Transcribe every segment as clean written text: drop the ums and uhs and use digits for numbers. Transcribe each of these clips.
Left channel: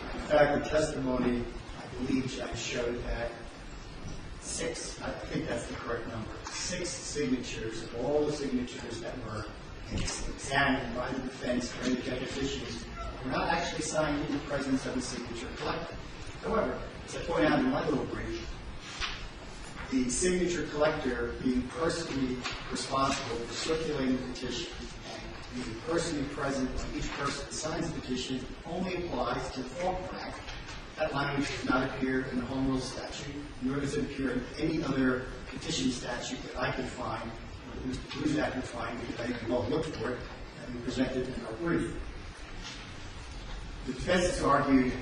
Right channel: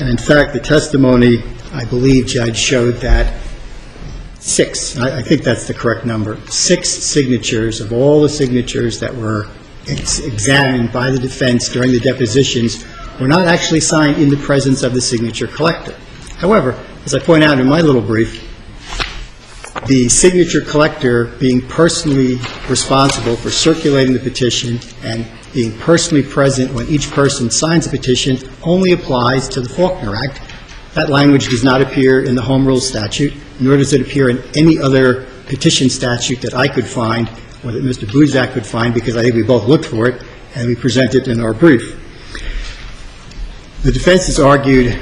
And in fact, the testimony, I believe, Judge, showed that I think that's the correct number, 6 signatures of all the signatures that were examined by the defense during the depositions were not actually signed in the presence of the signature collector. However, as I point out in my little brief, the signature collector being personally responsible for circulating the petition and being personally present when each person signs a petition only applies to the Faulkner Act. That language does not appear in the Home Rule statute, nor does it appear in any other petition statute that I could find or that Mr. Buzak could find, because I think we both looked for it and we present it in our brief. The defense has argued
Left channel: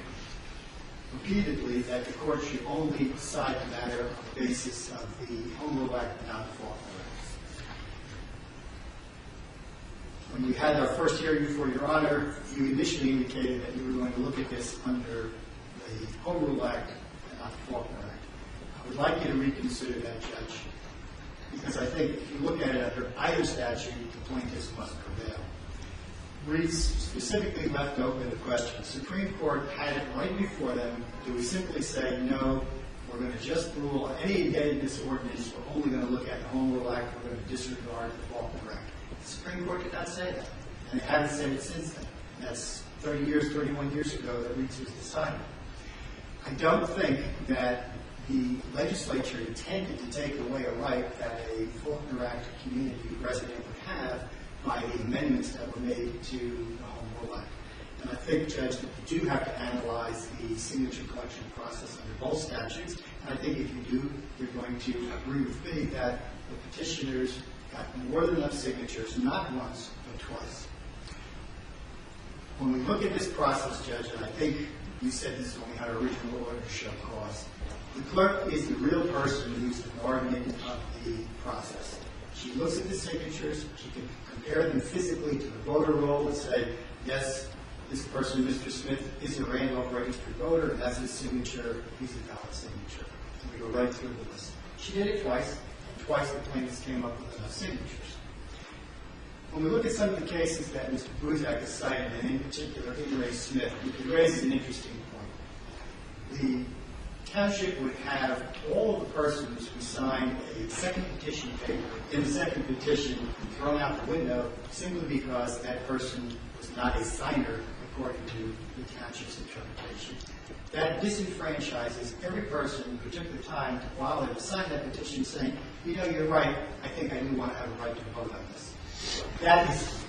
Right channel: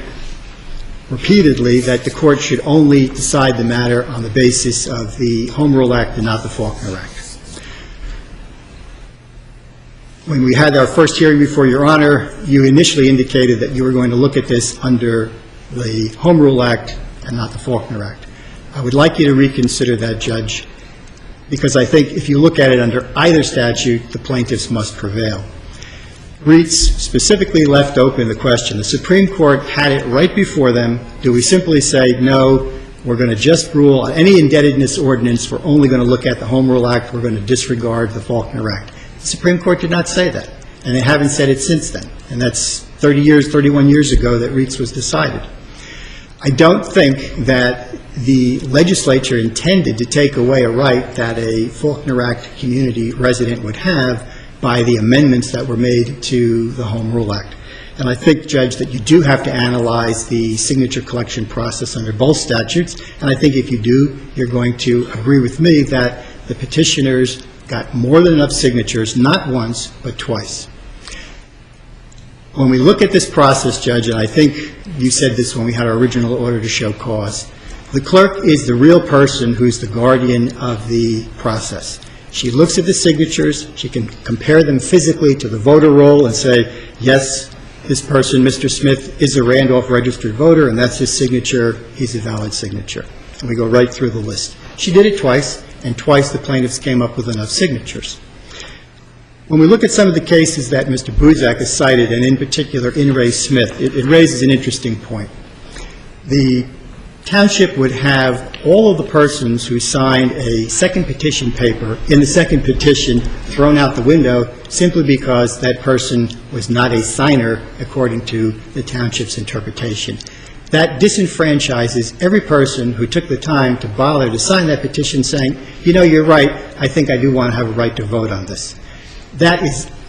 repeatedly that the Court should only decide the matter on the basis of the Home Rule Act and not the Faulkner Act. When we had our first hearing before Your Honor, you initially indicated that you were going to look at this under the Home Rule Act and not the Faulkner Act. I would like you to reconsider that, Judge, because I think if you look at it under either statute, the plaintiffs must prevail. Reitz specifically left open the question. The Supreme Court had it right before them. Do we simply say, no, we're going to just rule on any indebtedness ordinance, we're only going to look at the Home Rule Act, we're going to disregard the Faulkner Act? The Supreme Court did not say that, and they haven't said it since then. And that's 31 years ago that Reitz was decided. I don't think that the legislature intended to take away a right that a Faulkner Act community resident would have by the amendments that were made to the Home Rule Act. And I think, Judge, that you do have to analyze the signature collection process under both statutes, and I think if you do, you're going to agree with me that the petitioners got more than enough signatures, not once, but twice. When we look at this process, Judge, and I think you said this when we had our original order to show cause, the clerk is the real person who's the guardian of the process. She looks at the signatures, she can compare them physically to the voter roll and say, yes, this person, Mr. Smith, is a Randolph registered voter, and that's his signature, he's a valid signature. And we go right through the list. She did it twice, and twice the plaintiffs came up with enough signatures. When we look at some of the cases that Mr. Buzak has cited, and in particular In re Smith, it raises an interesting point. The township would have all of the persons who signed a second petition paper in the second petition thrown out the window simply because that person was not a signer according to the township's interpretation. That disenfranchises every person who took the time to bother to sign that petition saying, you know, you're right, I think I do want to have a right to vote on this. That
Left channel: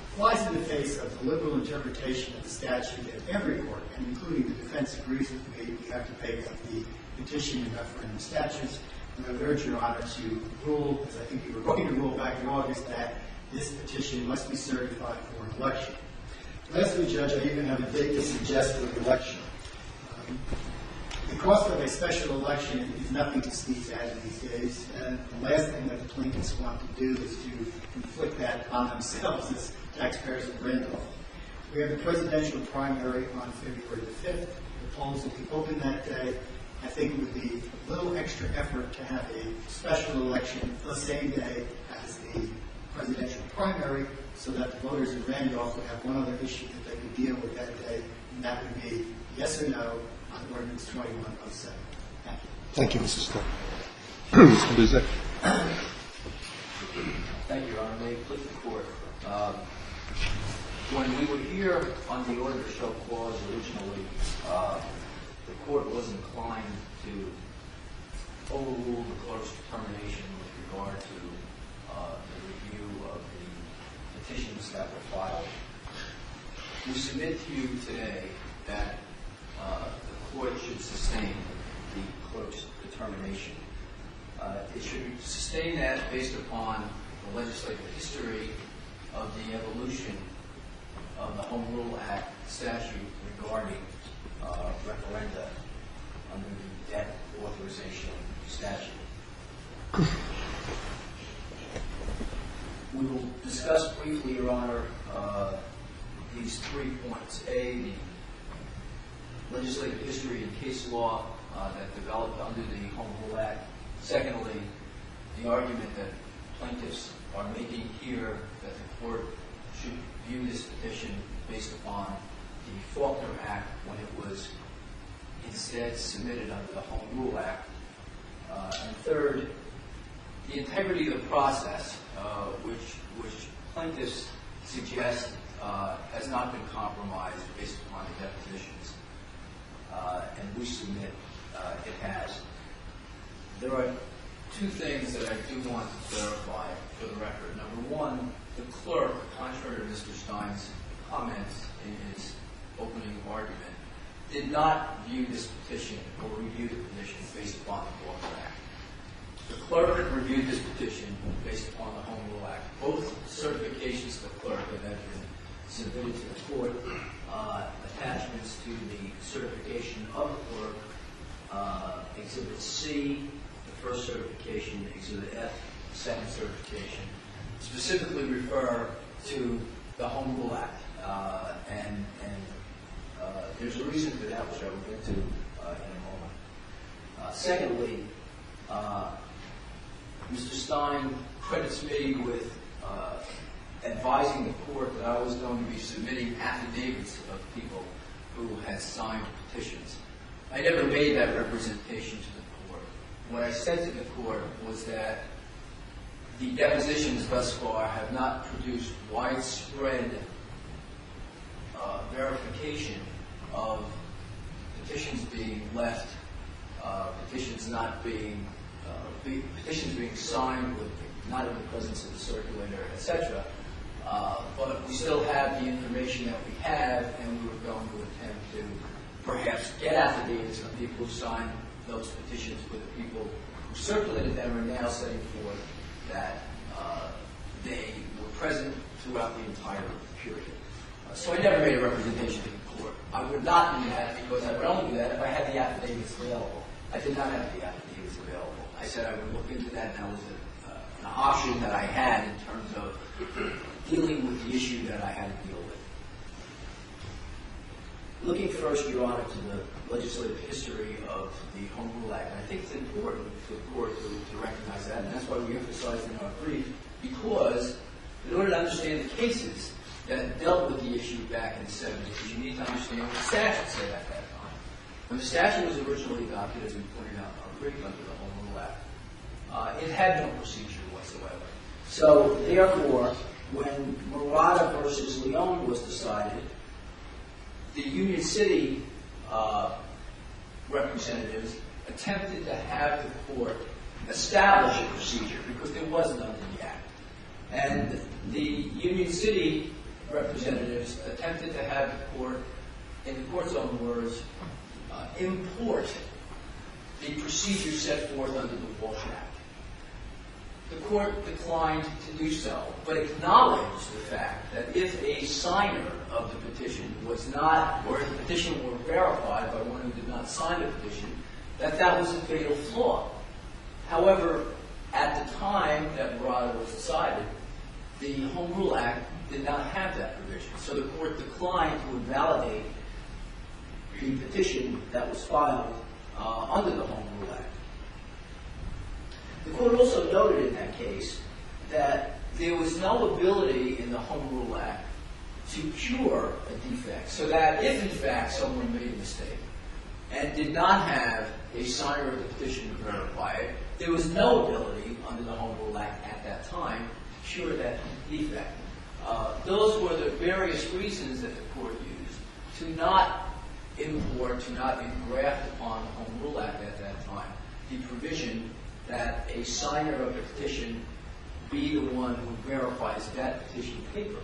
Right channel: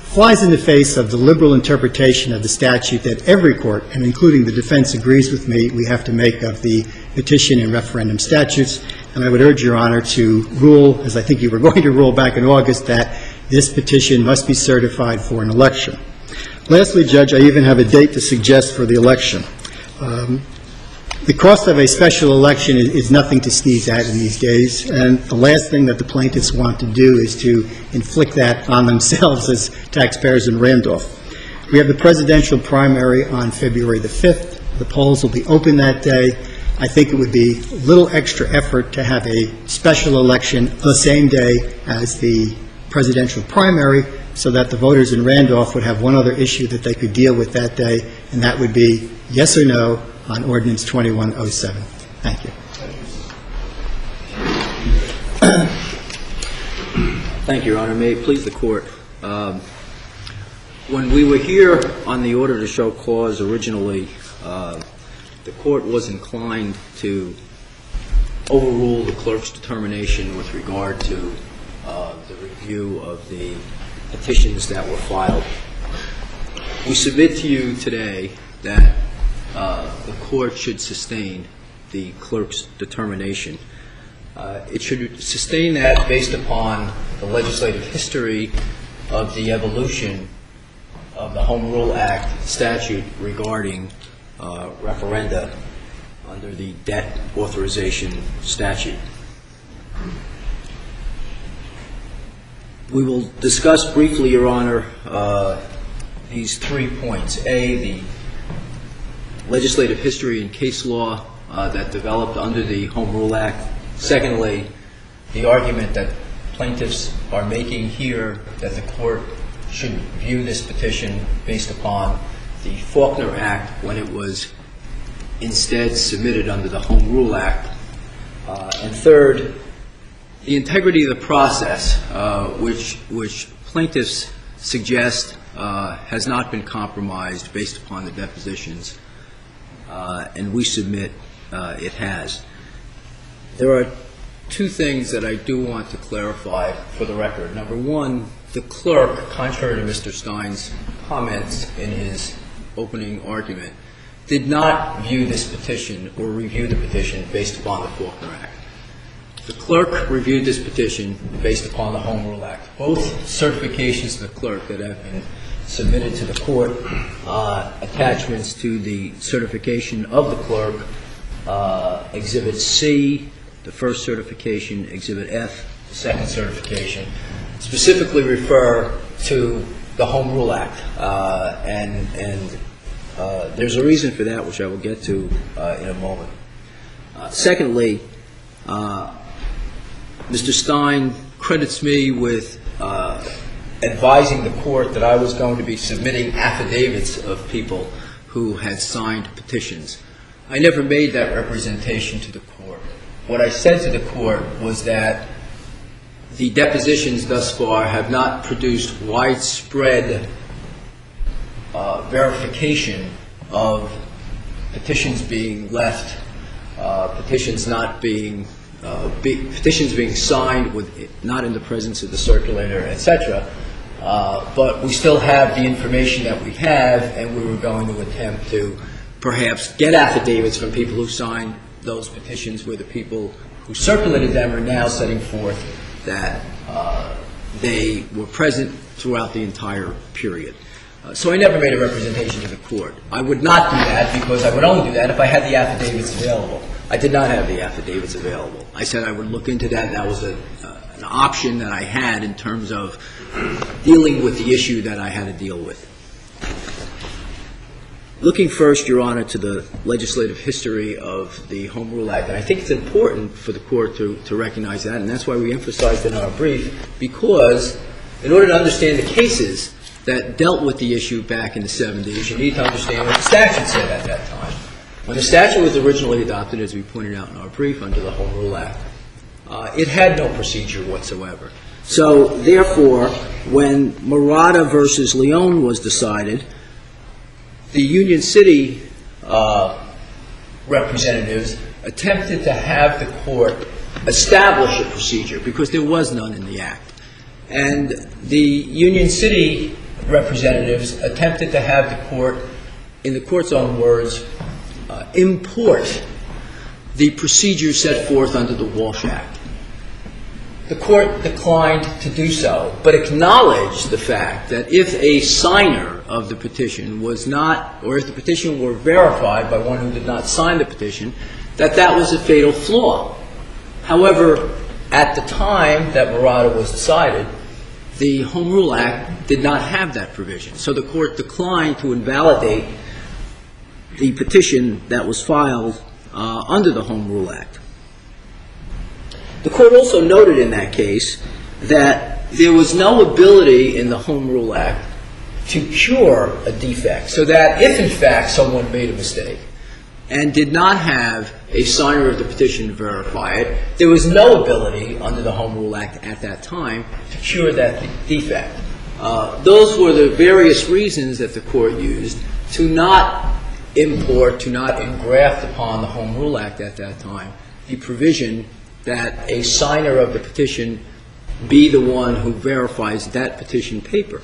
flies in the face of the liberal interpretation of the statute that every court, and including the defense, agrees with me we have to make of the petition and referendum statutes. And I would urge Your Honor to rule, as I think you were going to rule back in August, that this petition must be certified for an election. Lastly, Judge, I even have a date to suggest for the election. The cost of a special election is nothing to sneeze at in these days, and the last thing that the plaintiffs want to do is to inflict that on themselves as taxpayers in Randolph. We have the presidential primary on February the 5th. The polls will be open that day. I think it would be a little extra effort to have a special election the same day as the presidential primary so that the voters in Randolph would have one other issue that they could deal with that day, and that would be yes or no on Ordinance 2107. Thank you. Thank you, Mrs. Clerk. Thank you, Your Honor. May it please the Court. When we were here on the order to show cause originally, the Court was inclined to overrule the clerk's determination with regard to the review of the petitions that were filed. We submit to you today that the Court should sustain the clerk's determination. It should sustain that based upon the legislative history of the evolution of the Home Rule Act statute regarding referenda under the debt authorization statute. We will discuss briefly, Your Honor, these 3 points. A, the legislative history and case law that developed under the Home Rule Act. Secondly, the argument that plaintiffs are making here that the Court should view this petition based upon the Faulkner Act when it was instead submitted under the Home Rule Act. And third, the integrity of the process, which plaintiffs suggest has not been compromised based upon the depositions, and we submit it has. There are two things that I do want to clarify for the record. Number one, the clerk, contrary to Mr. Stein's comments in his opening argument, did not view this petition or review the petition based upon the Faulkner Act. The clerk reviewed this petition based upon the Home Rule Act. Both certifications of the clerk that have been submitted to the court, attachments to the certification of the clerk, Exhibit C, the first certification, Exhibit F, the second certification, specifically refer to the Home Rule Act. And there's a reason for that, which I will get to in a moment. Secondly, Mr. Stein credits me with advising the court that I was going to be submitting affidavits of people who had signed petitions. I never made that representation to the court. What I said to the court was that the depositions thus far have not produced widespread verification of petitions being left, petitions being signed with not in the presence of the circulator, etc. But we still have the information that we have, and we were going to attempt to perhaps get affidavits from people who signed those petitions, where the people who circulated them are now setting forth that they were present throughout the entire period. So I never made a representation to the court. I would not do that because I would only do that if I had the affidavits available. I did not have the affidavits available. I said I would look into that, and that was an option that I had in terms of dealing with the issue that I had to deal with. Looking first, Your Honor, to the legislative history of the Home Rule Act, and I think it's important for the court to recognize that, and that's why we emphasized in our brief, because in order to understand the cases that dealt with the issue back in the 70s, you need to understand what the statute said at that time. When the statute was originally adopted, as we pointed out in our brief, under the Home Rule Act, it had no procedure whatsoever. So, therefore, when Murata versus Leon was decided, the Union City representatives attempted to have the court establish a procedure because there was none in the Act. And the Union City representatives attempted to have the court, in the court's own words, import the procedure set forth under the Walsh Act. The court declined to do so, but acknowledged the fact that if a signer of the petition was not, or if the petition were verified by one who did not sign the petition, that that was a fatal flaw. However, at the time that Murata was decided, the Home Rule Act did not have that provision. So the court declined to invalidate the petition that was filed under the Home Rule Act. The court also noted in that case that there was no ability in the Home Rule Act to cure a defect, so that if, in fact, someone made a mistake and did not have a signer of the petition to verify it, there was no ability under the Home Rule Act at that time to cure that defect. Those were the various reasons that the court used to not import, to not engraft upon the Home Rule Act at that time the provision that a signer of the petition be the one who verifies that petition paper.